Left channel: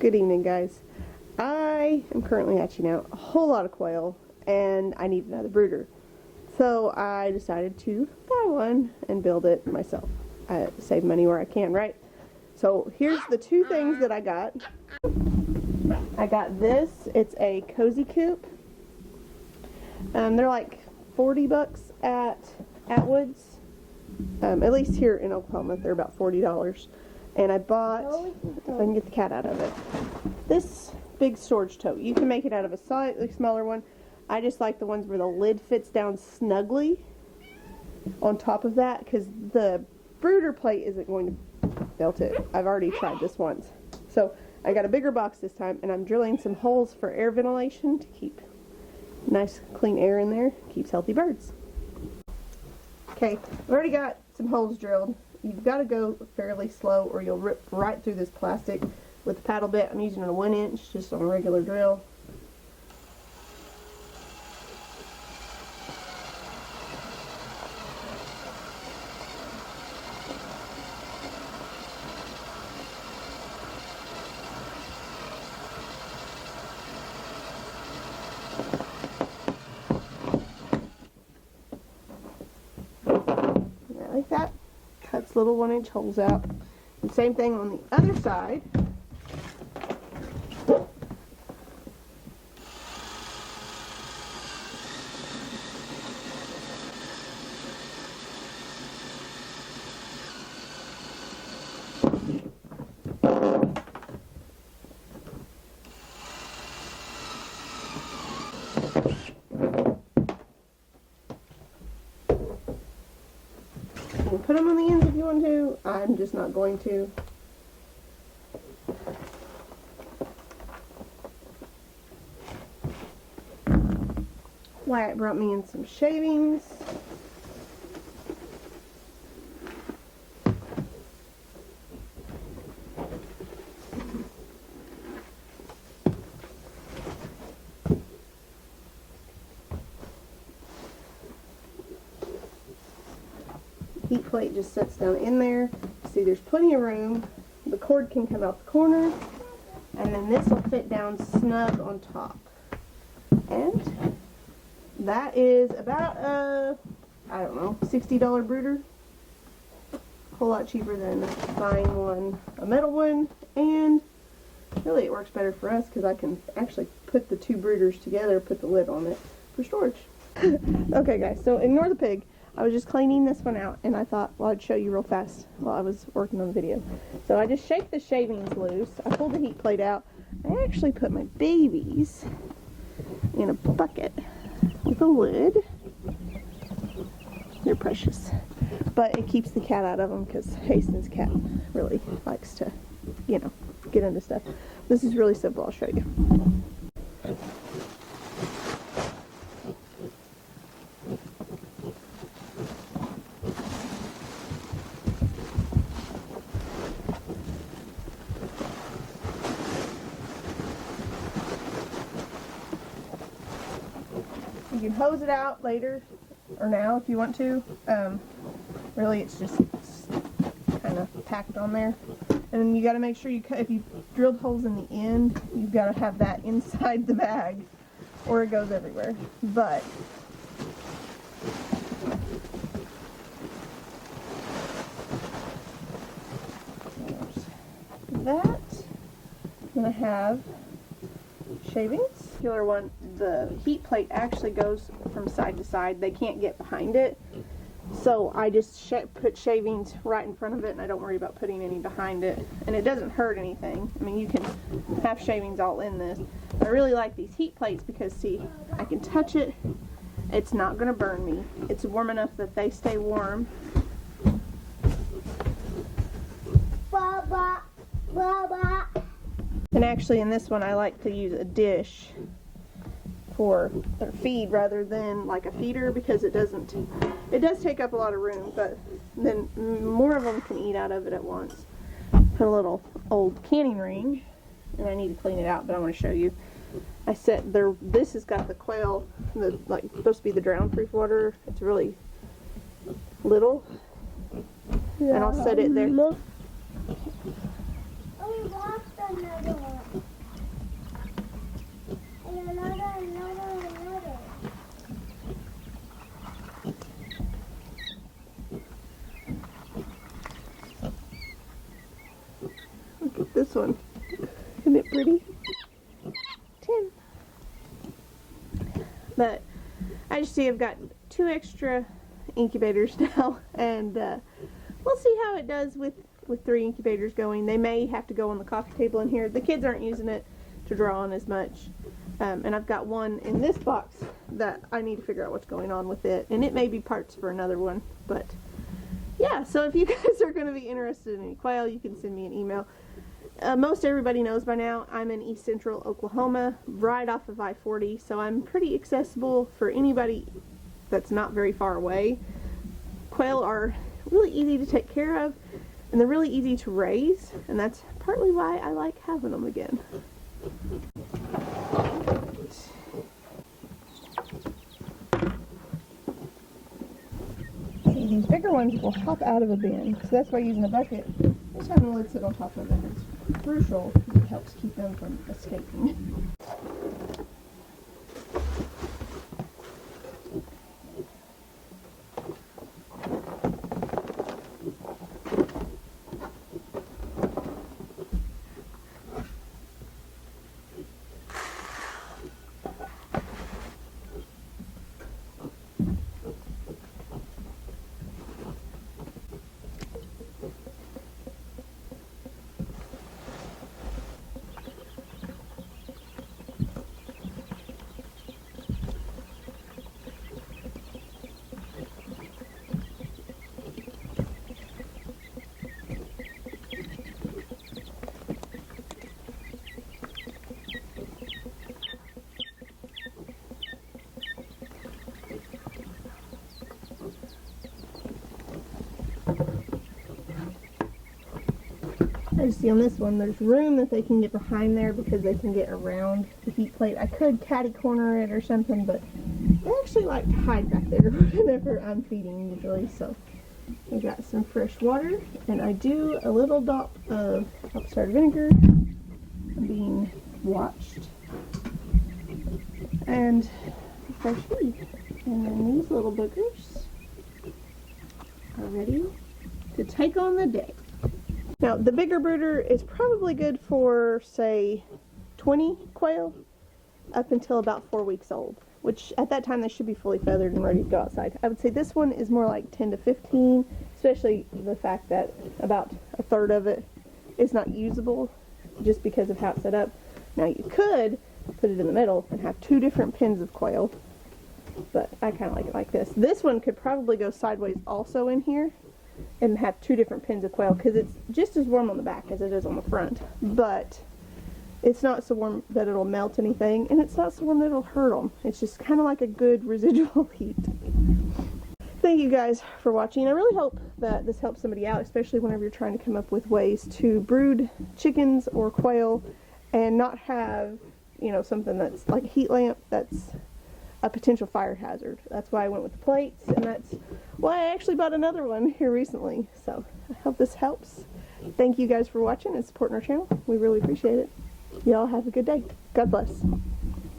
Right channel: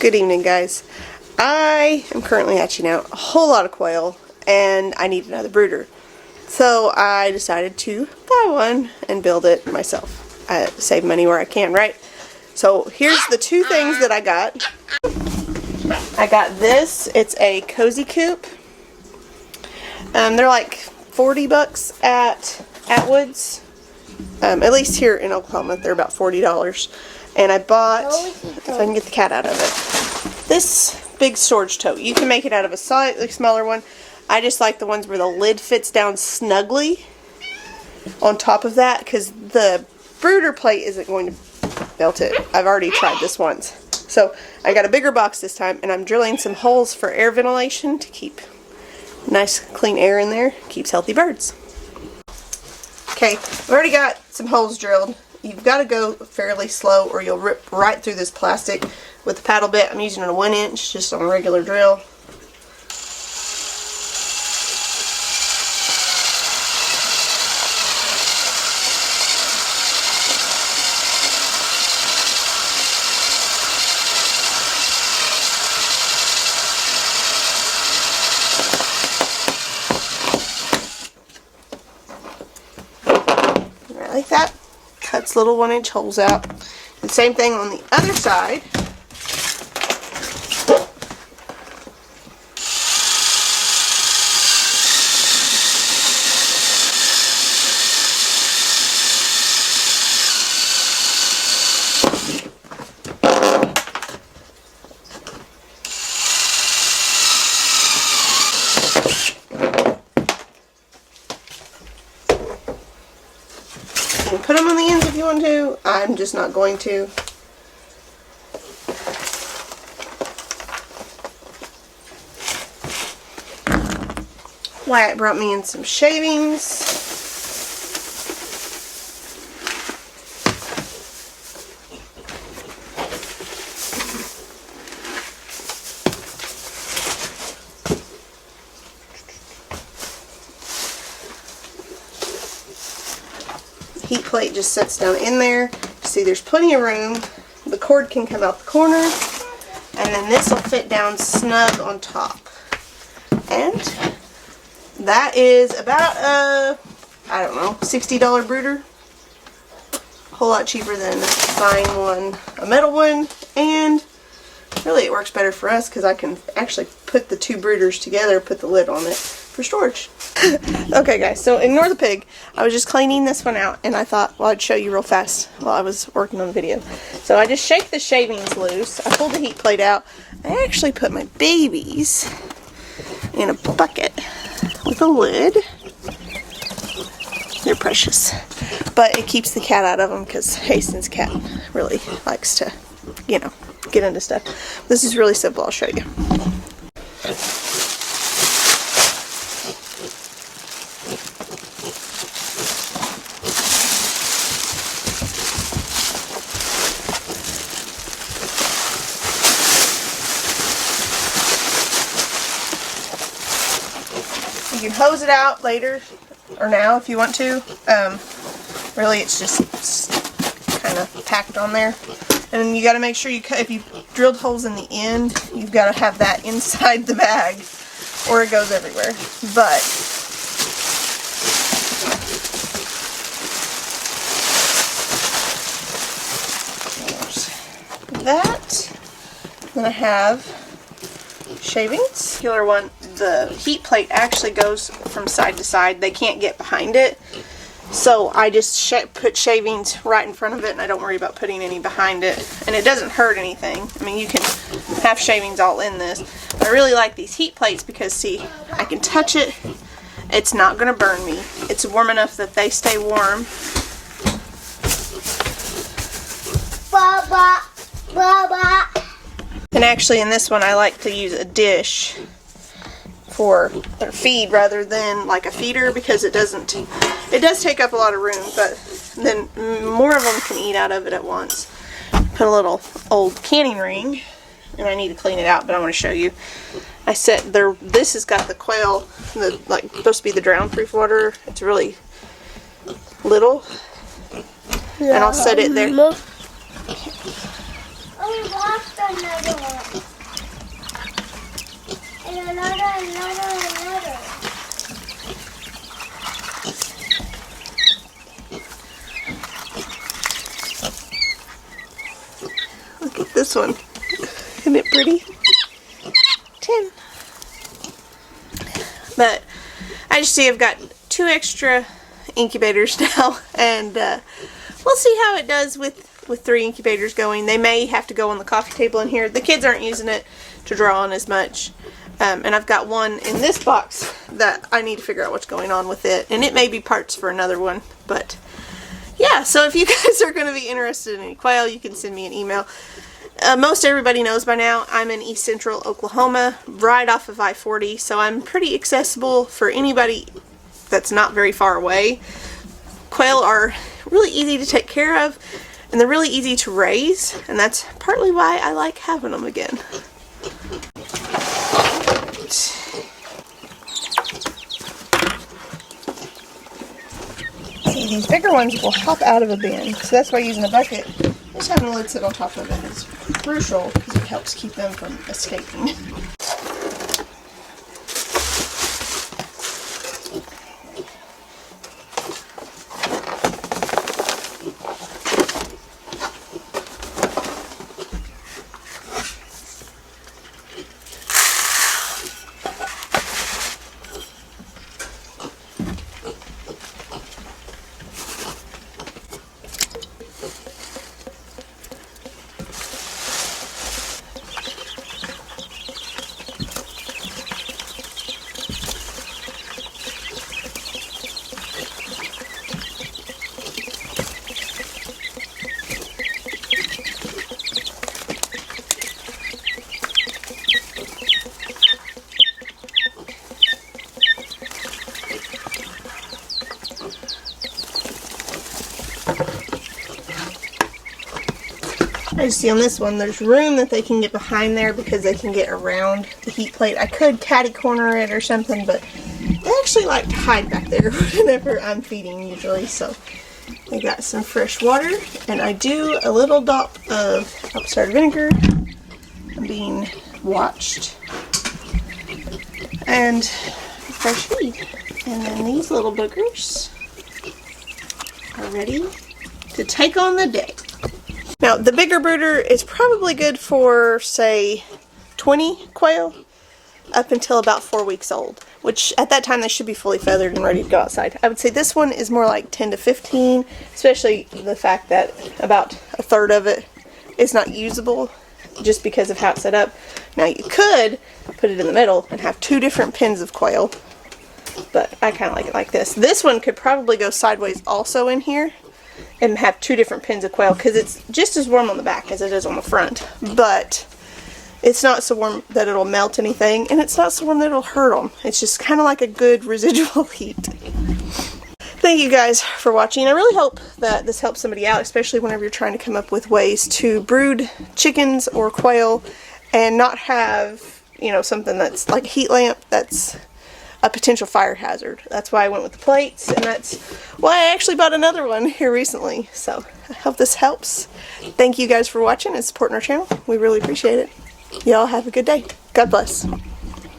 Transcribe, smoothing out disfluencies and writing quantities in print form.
Good evening, guys. I am currently hatching out a whole lot of quail and I need another brooder. So I decided to buy one and build it myself. I save money where I can, right? So here's the two things that I got. I got this. It's a cozy coop. They're like 40 bucks at Atwood's. At least here in Oklahoma, they're about $40. And I bought, if I can get the cat out of it, this big storage tote. You can make it out of a slightly smaller one. I just like the ones where the lid fits down snugly on top of that, because the brooder plate isn't going to melt it. I've already tried this once. So I got a bigger box this time, and I'm drilling some holes for air ventilation to keep nice clean air in there. Keeps healthy birds. Okay, I've already got some holes drilled. You've got to go fairly slow or you'll rip right through this plastic with the paddle bit. I'm using a 1-inch just on a regular drill. Right like that. Cuts little 1-inch holes out. The same thing on the other side. You can put them on the ends if you want to. I'm just not going to. Wyatt brought me in some shavings. Heat plate just sits down in there. See, there's plenty of room. The cord can come out the corner, and then this will fit down snug on top. And that is about I don't know, $60 brooder. A whole lot cheaper than buying one, a metal one, and really it works better for us because I can actually put the two brooders together, put the lid on it for storage. Okay guys, so ignore the pig. I was just cleaning this one out and I thought, well, I'd show you real fast while I was working on the video. So I just shake the shavings loose. I pulled the heat plate out. I actually put my babies in a bucket with a lid. They're precious. But it keeps the cat out of them because Hastings' cat really likes to, you know, get into stuff. This is really simple. I'll show you. You can hose it out later or now if you want to. Really it's just kind of packed on there. And then you got to make sure you cut, if you drilled holes in the end, you've got to have that inside the bag or it goes everywhere. But there's that. Then I have shavings. Killer one, the heat plate actually goes from side to side. They can't get behind it. So I just put shavings right in front of it and I don't worry about putting any behind it. And it doesn't hurt anything. I mean, you can have shavings all in this. I really like these heat plates because, see, I can touch it. It's not going to burn me. It's warm enough that they stay warm. Baba, Baba. And actually in this one I like to use a dish for their feed rather than like a feeder because it does take up a lot of room, but then more of them can eat out of it at once. Put a little old canning ring, and I need to clean it out, but I want to show you. I set there, this has got the quail, like supposed to be the drown proof water. It's really little. And I'll set it there. Oh, we lost another one. Look at this one. Isn't it pretty? 10. But I just see I've got 2 extra incubators now, and we'll see how it does with 3 incubators going. They may have to go on the coffee table in here. The kids aren't using it to draw on as much. And I've got one in this box that I need to figure out what's going on with it. And it may be parts for another one. But yeah, so if you guys are going to be interested in any quail, you can send me an email. Most everybody knows by now I'm in East Central Oklahoma, right off of I-40. So I'm pretty accessible for anybody that's not very far away. Quail are really easy to take care of. And they're really easy to raise, and that's partly why I like having them again. See, these bigger ones will hop out of a bin, so that's why using a bucket, just having a lid sit on top of it is crucial because it helps keep them from escaping. I just see on this one there's room that they can get behind there because they can get around the heat plate. I could catty corner it or something, but they actually like to hide back there whenever I'm feeding usually. So I got some fresh water, and I do a little dot of apple cider vinegar. I'm being watched. And fresh feed. And then these little boogers are ready to take on the day. Now, the bigger brooder is probably good for, say, 20 quail up until about 4 weeks old, which at that time they should be fully feathered and ready to go outside. I would say this one is more like 10 to 15, especially the fact that about a third of it is not usable just because of how it's set up. Now, you could put it in the middle and have 2 different pens of quail, but I kind of like it like this. This one could probably go sideways also in here and have 2 different pens of quail because it's just as warm on the back as it is on the front, but it's not so warm that it'll melt anything, and it's not so warm that it'll hurt them. It's just kind of like a good residual heat. Thank you guys for watching. I really hope that this helps somebody out, especially whenever you're trying to come up with ways to brood chickens or quail and not have, you know, something that's like a heat lamp that's a potential fire hazard. That's why I went with the plates, and that's why I actually bought another one here recently. So I hope this helps. Thank you guys for watching and supporting our channel. We really appreciate it. Y'all have a good day. God bless.